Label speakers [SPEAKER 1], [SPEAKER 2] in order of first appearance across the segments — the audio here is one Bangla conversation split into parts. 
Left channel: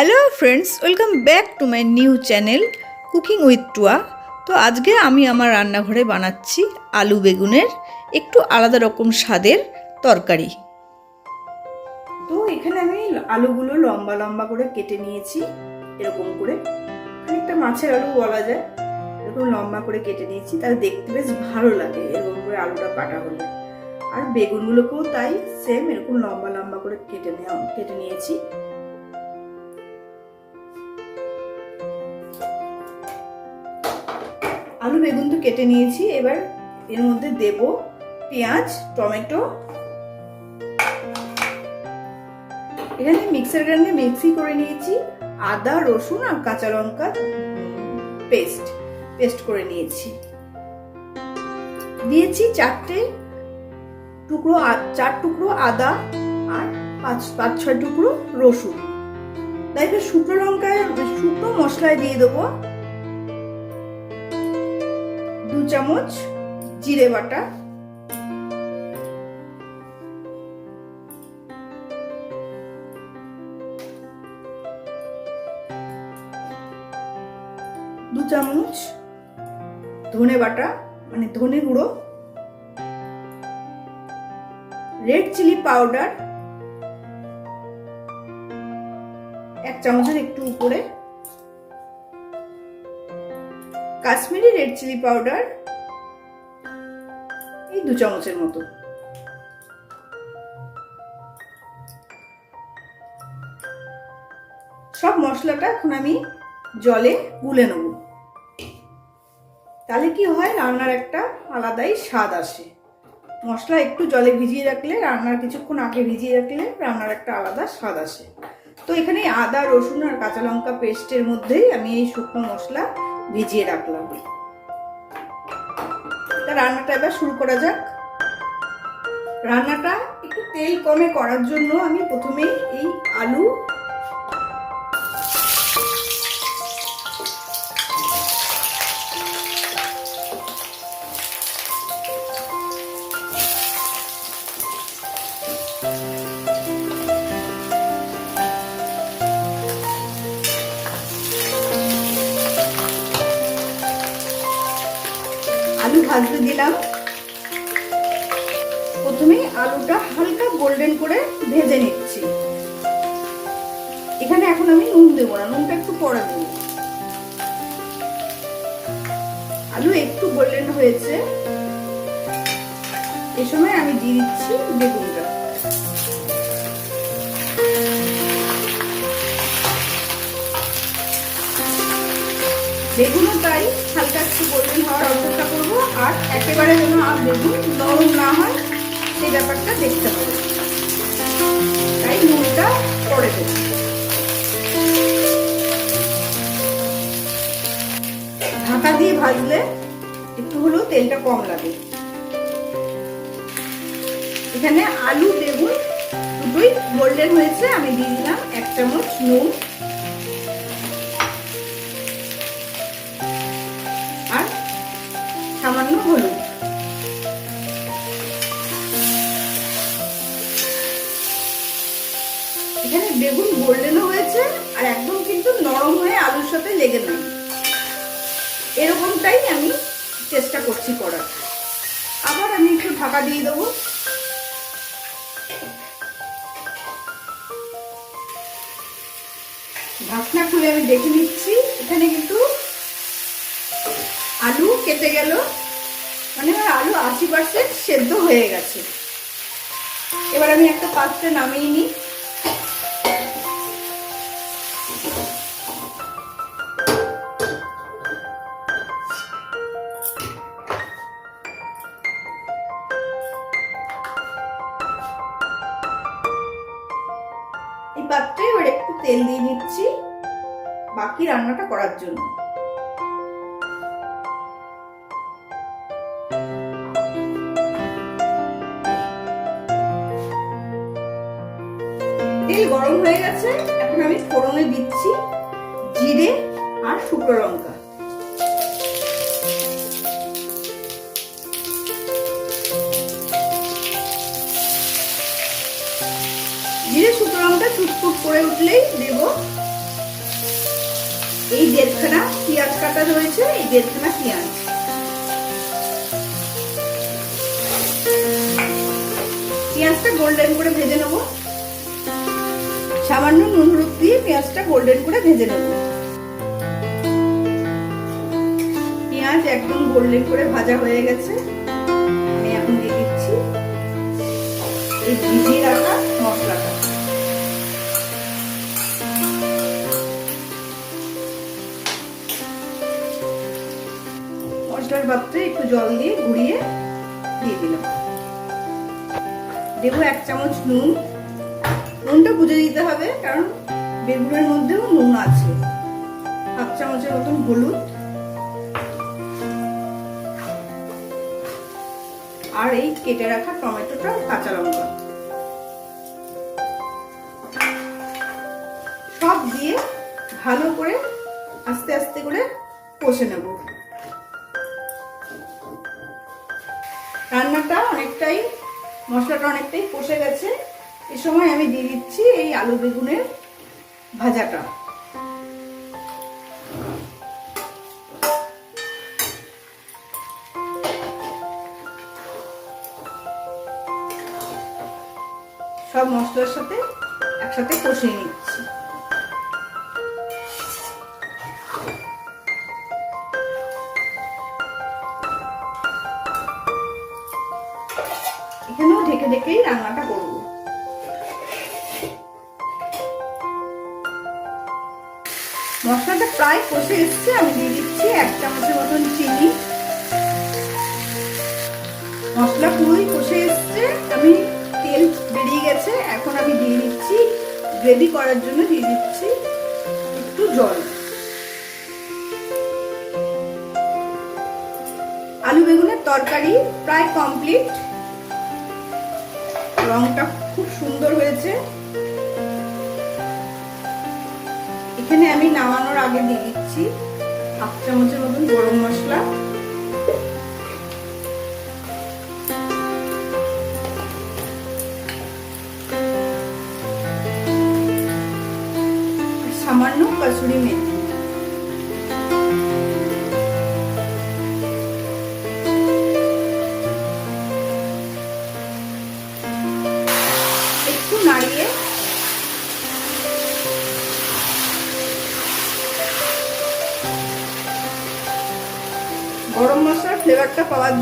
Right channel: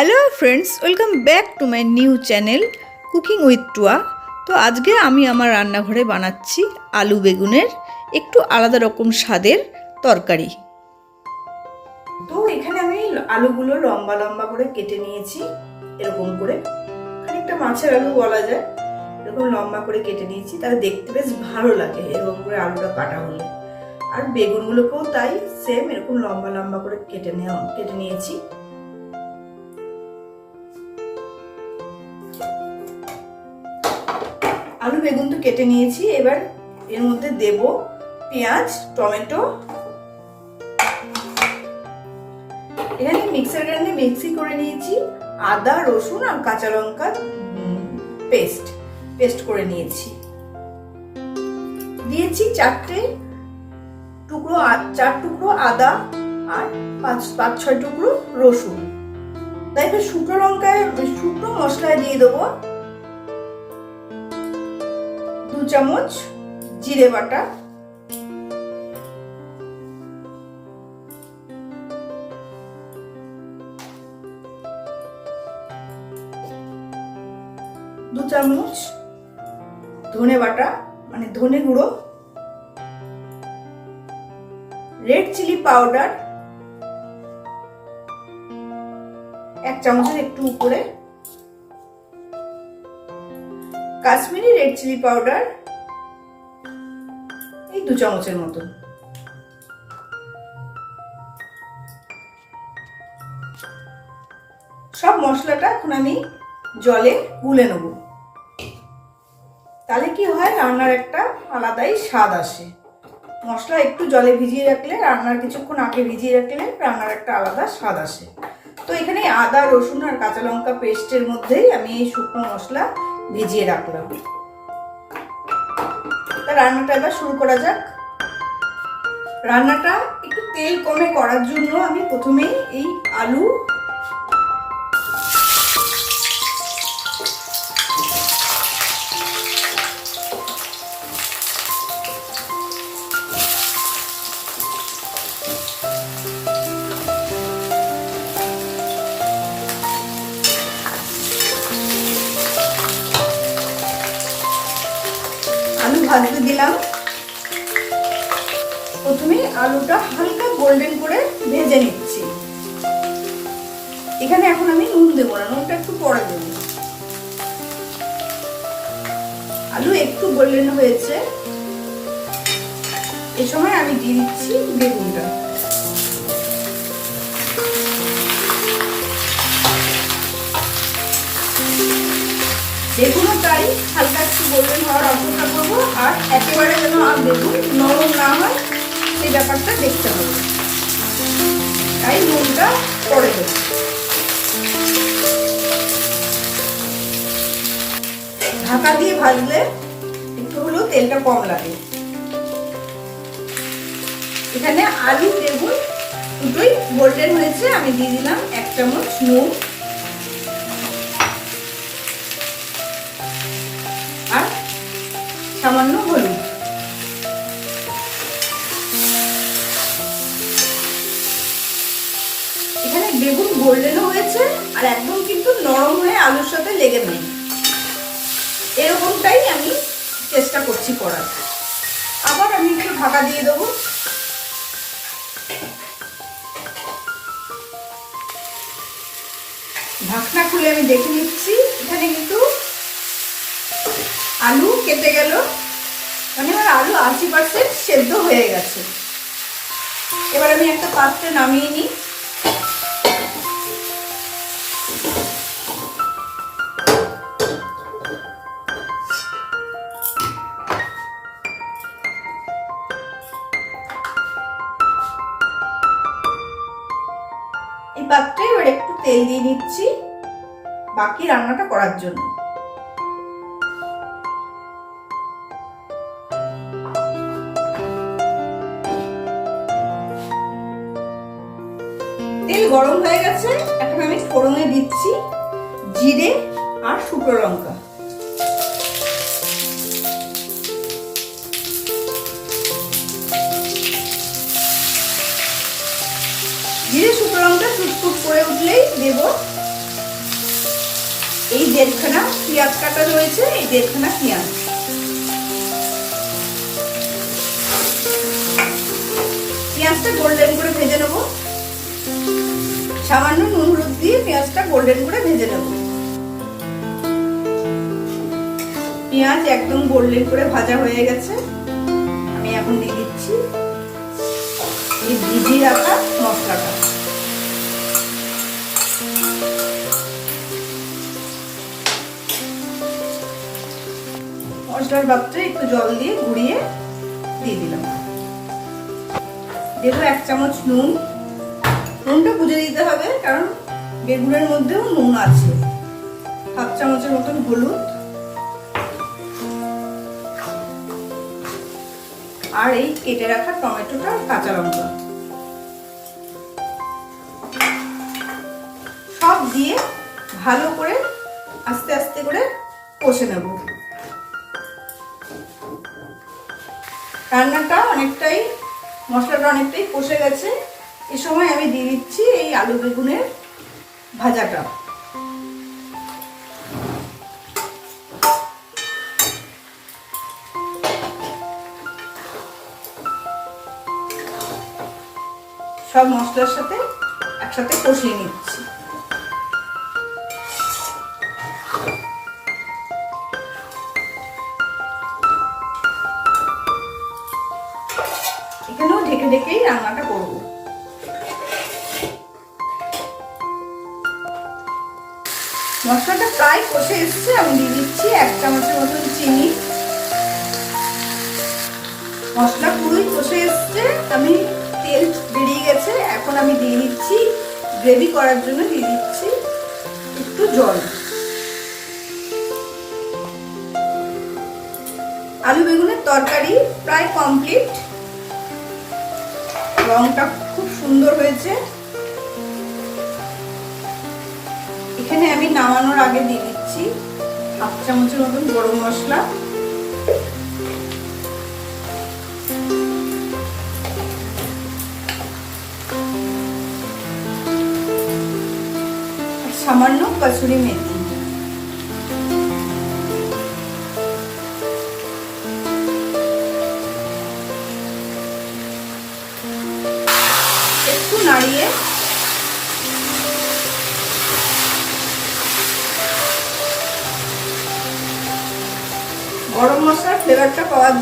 [SPEAKER 1] Hello friends, welcome back to my new channel cooking with Tua. তো আজকে আমি আমার রান্নাঘরে বানাচ্ছি আলু বেগুনের একটু আলাদা রকম স্বাদের তরকারি। তো এখানে আমি আলুগুলো লম্বা লম্বা করে কেটে নিয়েছি, এরকম করে। খানিকটা মাছের আলু বলা যায়, এরকম লম্বা করে কেটে নিয়েছি, তাহলে দেখতে বেশ ভালো লাগে এরকম করে আলুটা কাটা হলে। আর বেগুনগুলোকেও তাই সেম এরকম লম্বা লম্বা করে কেটে নেওয়া, কেটে নিয়েছি। আলু বেগুন তো কেটে নিয়েছি, এবার এর মধ্যে দেব পেঁয়াজ, টমেটো। এখানে মিক্সার গ্রাইন্ডে মিক্সি করে নিয়েছি, আদা, রসুন আর কাঁচা লঙ্কা পেস্ট পেস্ট করে নিয়েছি। দিয়েছি চারটে টুকরো চার টুকরো আদা আর পাঁচ পাঁচ, ছয় টুকরো রসুন। তাই শুকনো লঙ্কায়, শুকনো মশলায় দিয়ে দেবো। দু চামচ জিরে বাটা। দু চামচ ধনে বাটা মানে ধনে গুঁড়ো। Red chili powder. এক চামচের একটু উপরে কাশ্মীরি রেড চিলি পাউডার এই দু চামচের মতো। সব মশলাটা এখন আমি জলে গুলে নেব। তাহলে কি হয়, রান্নার একটা আলাদাই স্বাদ আসে। মশলা একটু জলে ভিজিয়ে রাখলে, রান্নার কিছুক্ষণ আগে ভিজিয়ে রাখলে রান্নার একটা আলাদা স্বাদ আসে। তো এখানে আদা, রসুন আর কাঁচা লঙ্কা পেস্টের মধ্যেই আমি এই শুকনো মশলা ভিজিয়ে রাখলাম তা রান্নাটা এবার শুরু করা যাক। রান্নাটা একটু তেল কমে করার জন্য আমি প্রথমেই এই আলু এখানে এখন আমি নুন দেবো না, নুনটা একটু পরে দেবো। আলু একটু গোল্ডেন হয়েছে। এ সময় আমি দিয়ে দিচ্ছি বেগুনটা। বেগুনও তাই হালকা একটু গোল্ডেন হওয়ার অপেক্ষা করব, আর একেবারে যেন আর বেগুন নরম না হয় সেই ব্যাপারটা দেখতে হবে। তাই নুনটা পরে দেবো। ঢাকা দিয়ে ভাজলে একটু হলেও তেলটা কম লাগে। এখানে আলু, বেগুন দুটোই গোল্ডেন হয়েছে, আমি দিয়ে দিলাম এক চামচ নুন। আর সামান্য হলুদ। এখানে বেগুন গোল্ডেনও হয়েছে, আর একদম কিন্তু নরম হয়ে আলুর সাথে লেগে নেই। এরকমটাই আমি চেষ্টা করছি করার। আবার আমি একটু ঢাকা দিয়ে দেবো। ঢাকনা খুলে আমি দেখে নিচ্ছি। এখানে কিন্তু আলু কেটে গেল। মানে আমার আলু আশি পার্সেন্ট সেদ্ধ হয়ে গেছে। এবার আমি একটা পাত্রে নামিয়ে নিই। পাত্রে এবার একটু তেল দিয়ে নিচ্ছি বাকি রান্নাটা করার জন্য। তেল গরম হয়ে গেছে, এখন আমি ফোড়নে দিচ্ছি জিরে আর শুকনো লঙ্কা। টুকটুক করে উঠলেই দেব। এই দেড়খানা পেঁয়াজ কাটা রয়েছে, এই দেড়খানা পেঁয়াজ। পেঁয়াজটা গোল্ডেন করে ভেজে নেব। সামান্য নুন, হলুদ দিয়ে পেঁয়াজটা গোল্ডেন করে ভেজে নেব। পেঁয়াজ একদম গোল্ডেন করে ভাজা হয়ে গেছে। আমি এখন দিয়ে দিচ্ছি। এই ভিজিয়ে রাখা মশলার পাত্রে একটু জল দিয়ে ঘুরিয়ে দিয়ে দিলাম। দেবো এক চামচ নুন। নুনটা বুঝে দিতে হবে, কারণ বেগুনের মধ্যেও নুন আছে। হাফ চামচের মতন হলুদ। আর এই কেটে রাখা টমেটোটা কাঁচা লঙ্কা। দিয়ে ভালো করে আস্তে আস্তে করে কষে নেব। রান্নাটা অনেকটাই, মশলাটা অনেকটাই কষে গেছে। এ সময় আমি দিয়ে দিচ্ছি এই আলু বেগুনের ভাজাটা। সব মশলার সাথে একসাথে কষিয়ে নিচ্ছি। এখানেও ঢেকে ঢেকেই রান্নাটা করব। মশলাটা প্রায় কষে এসছে, আমি দিয়ে দিচ্ছি এক চামচের মতন চিনি। মশলা পুরোই কষে এসছে, আমি তেল বেরিয়ে গেছে, এখন আমি দিয়ে দিচ্ছি গ্রেভি করার জন্য দিয়ে দিচ্ছি একটু জল। তরকারি প্রায় কমপ্লিট রংটা খুব সুন্দর হয়েছে। এখানে আমি নামানোর আগে দিয়ে দিচ্ছি হাফ চামচের মতন গরম মশলা। সামান্য কসুরি মেথি।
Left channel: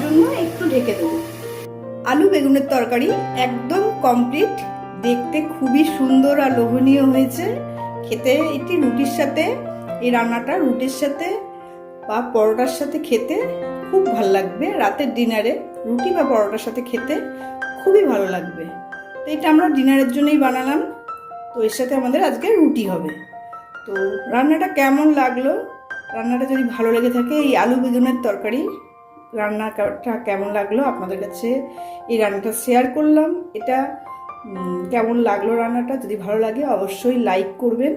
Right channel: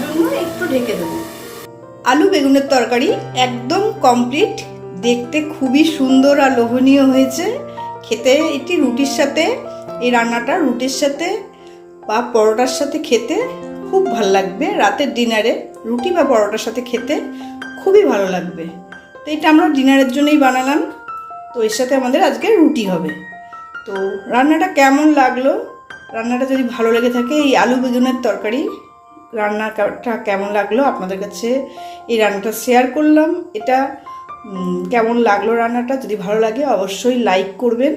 [SPEAKER 1] জন্য একটু ঢেকে দেবো। আলু বেগুনের তরকারি একদম কমপ্লিট দেখতে খুবই সুন্দর আর লোভনীয় হয়েছে। খেতে এটি রুটির সাথে, এই রান্নাটা রুটির সাথে বা পরোটার সাথে খেতে খুব ভালো লাগবে। রাতের ডিনারে রুটি বা পরোটার সাথে খেতে খুবই ভালো লাগবে। তো এটা আমরা ডিনারের জন্যই বানালাম। তো এর সাথে আমাদের আজকে রুটি হবে। তো রান্নাটা কেমন লাগল? রান্নাটা যদি ভালো লেগে থাকে, এই আলু বেগুনের তরকারি রান্নাটা কেমন লাগল? আপনাদের কাছে এই রান্নাটা শেয়ার করলাম। এটা কেমন লাগল রান্নাটা? যদি ভালো লাগে অবশ্যই লাইক করবেন।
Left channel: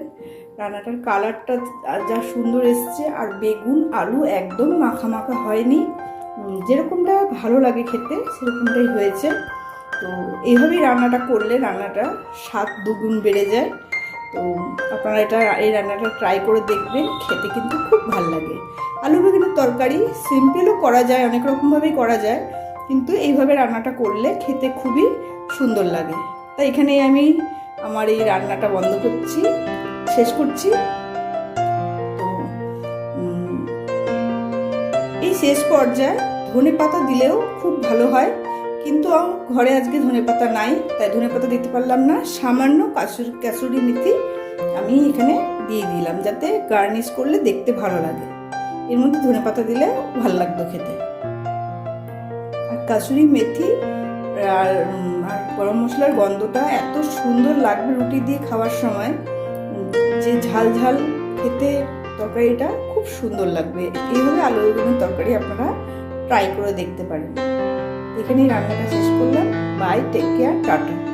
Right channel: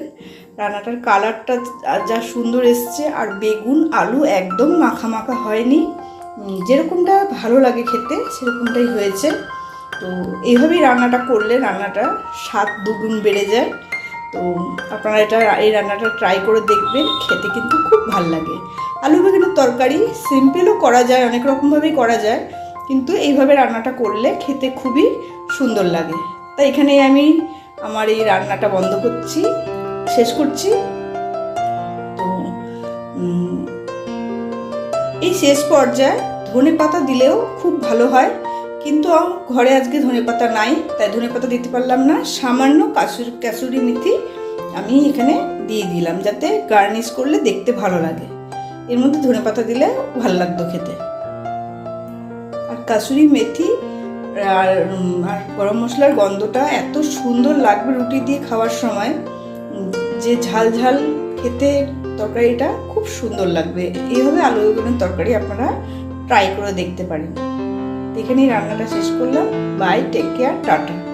[SPEAKER 1] রান্নাটার কালারটা যা সুন্দর এসছে, আর বেগুন, আলু একদম মাখা মাখা হয়নি যেরকমটা ভালো লাগে খেতে, সেরকমটাই হয়েছে। তো এইভাবেই রান্নাটা করলে রান্নাটা স্বাদ দুগুণ বেড়ে যায়। তো আপনারা এটা, এই রান্নাটা ট্রাই করে দেখবেন, খেতে কিন্তু খুব ভালো লাগে। আলু বেগুনের তরকারি সিম্পলও করা যায়, অনেক রকমভাবেই করা যায়, কিন্তু এইভাবে রান্নাটা করলে খেতে খুবই সুন্দর লাগে। তাই এখানেই আমি আমার এই রান্নাটা বন্ধ করছি, শেষ করছি। তো এই শেষ পর্যায়ে ধনে পাতা দিলেও খুব ভালো হয়, কিন্তু ঘরে আজকে ধনে পাতা নাই, তাই ধনে পাতা দিতে পারলাম না। সামান্য কাসুরি, ক্যাসুরি মেথি আমি এখানে দিয়ে দিলাম, যাতে গার্নিশ করলে দেখতে ভালো লাগে। এর মধ্যে ধনে পাতা দিলে ভালো লাগতো খেতে। আর কাসুরি মেথি আর আর গরম মশলার গন্ধটা এত সুন্দর লাগবে রুটি দিয়ে খাওয়ার সময় যে ঝাল ঝাল খেতে তরকারিটা খুব সুন্দর লাগবে। এইভাবে আলু বেগুনের তরকারি আপনারা ট্রাই করে দেখতে পারেন। এখানেই রান্নাটা শেষ করলাম। Bye take care tata.